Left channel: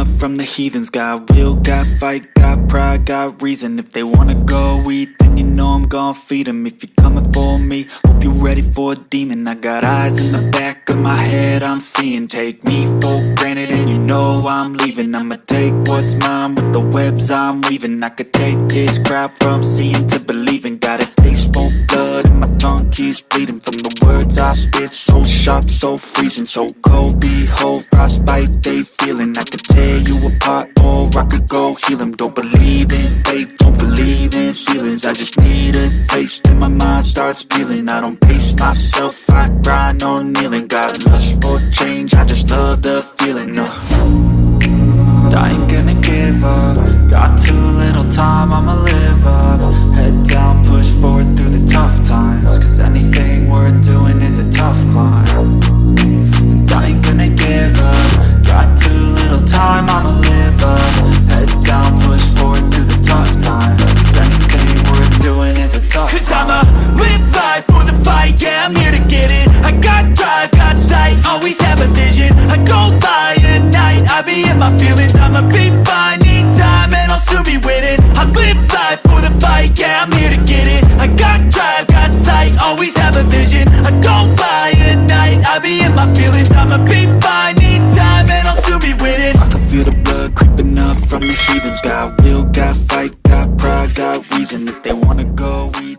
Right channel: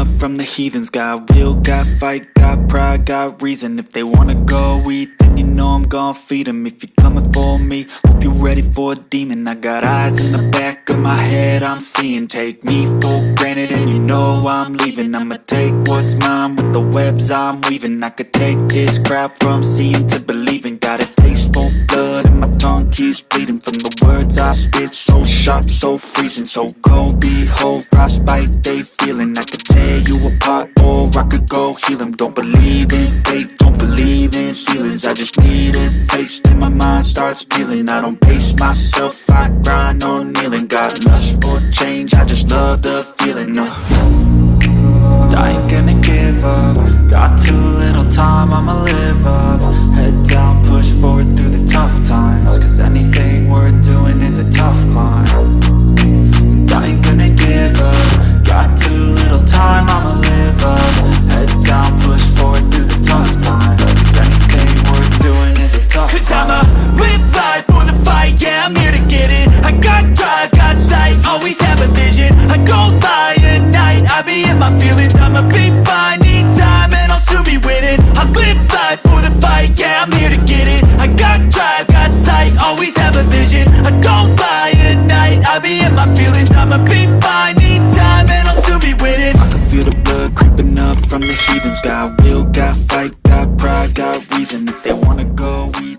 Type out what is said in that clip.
up from the heathens. Got will, got fight, got pride, got reason. If they wanna go eat, then you know I'm gon' feed them. If you're coming for me, hope you're ready for a demon. I got eyes in the back of my head, I'm seeing. Take me for granted and you know I'm leaving. I'ma take what's mine with the webs I'm weaving. I could take this crowd from seeing to believing. Got a taste for blood and my tongue keeps bleeding from the words I spit. So sharp, so freezing, so cold. Behold, frostbite they feeling. I could tear you apart or I could go heal them. Don't believe in fate, don't believe in ceilings. I just need a taste and my mind starts peeling. I don't pace myself, I grind on kneeling. Got lust for change, I just love the feeling. I ain't gonna give up. Got too little time, I'ma live up. Head down, push forward through the tough times. Cause anything worth doing is a tough climb. And I ain't gonna give up. Got too little time, I'ma live up. Head down, push forward through the tough times. Cause anything worth doing is a tough climb. Cause I'ma live life for the fight, yeah, I'm here to get it. I got drive, got sight, always have a vision. I go by at night, I be in my feelings. I'ma be fine, need time, and I'll soon be winning. I live life for the fight, yeah, I'm here to get it. I got drive, got sight, always have a vision. I go by at night, I be in my feelings. I'ma be fine, need time, and I'll soon be winning. I can feel the blood creeping up from the heathens. Got will, got fight, got pride, got reason. If they wanna go eat